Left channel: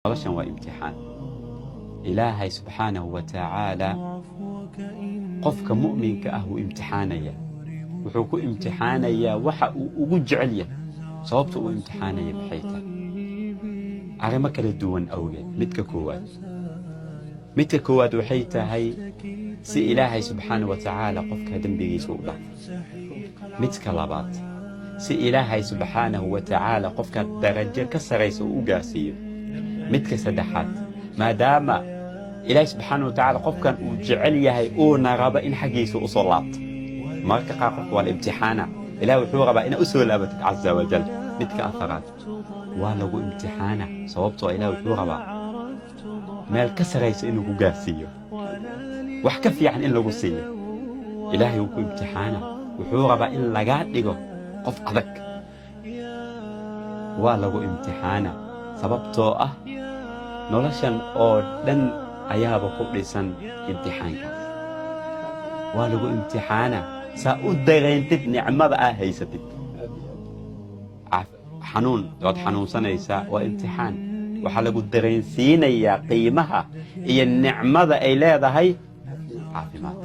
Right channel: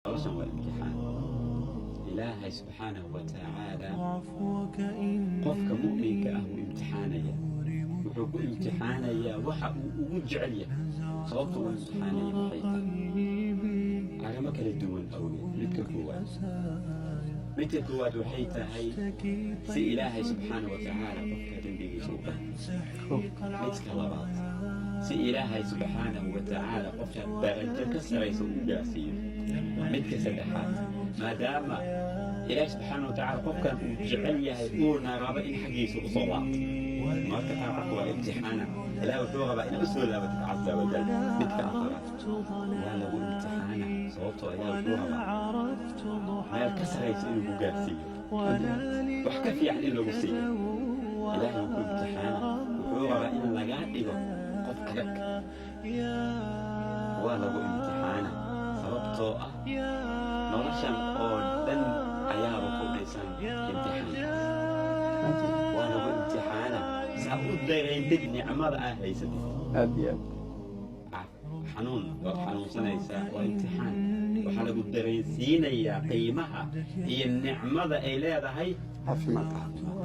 noloshan waa imtixaan. Ilaahay subxaanahu wa tacaala qofka mu'minka ah wuu imtixaanaya, wuxuu ku imtixaanayaa waxa uu ugu jecel yahay. sababta uu imtixaanaya maxay tahay? arrimo kala duwan awgeed. midka koowaad waxay tahay si ilaahay subxaanahu wa tacaala qofka dembigiisa u dhaafo. midka labaad si ilaahay subxaanahu wa tacaala qofka darajo ka saraysa uu u gaarsiiyo. midka saddexaad maadaama ilaahay subxaanahu wa tacaala qofkan uu jecel yahay uuna raba in xaggiisa u soo laabto. marka qaar qofka waa la imtixaana, ilaahay wuxuu rabaa inaad u soo laabatid caza wajal. midka afaraad waa lagu imtixaana sababtoo ilaahay wuxuu rabaa meel ka saraysa inuu ku gaarsiiyo, wax ka fiican in lagu siiyo. ilaahay wuu ku imtixaana, wuxuu rabaa in lagaa dhigo qof adag. waa lagu imtixaana sababtoo ah noloshan oo dhan ayaaba ku dhisan imtixaankaas. waa lagu imtixaana saa u dareentid nicmada aa haysatid. xanuun waad xanuunsanaysaa, waa imtixaan. waxaa lagu dareensiinayaa qiimaha iyo nicmada ay leedahay caafimaad.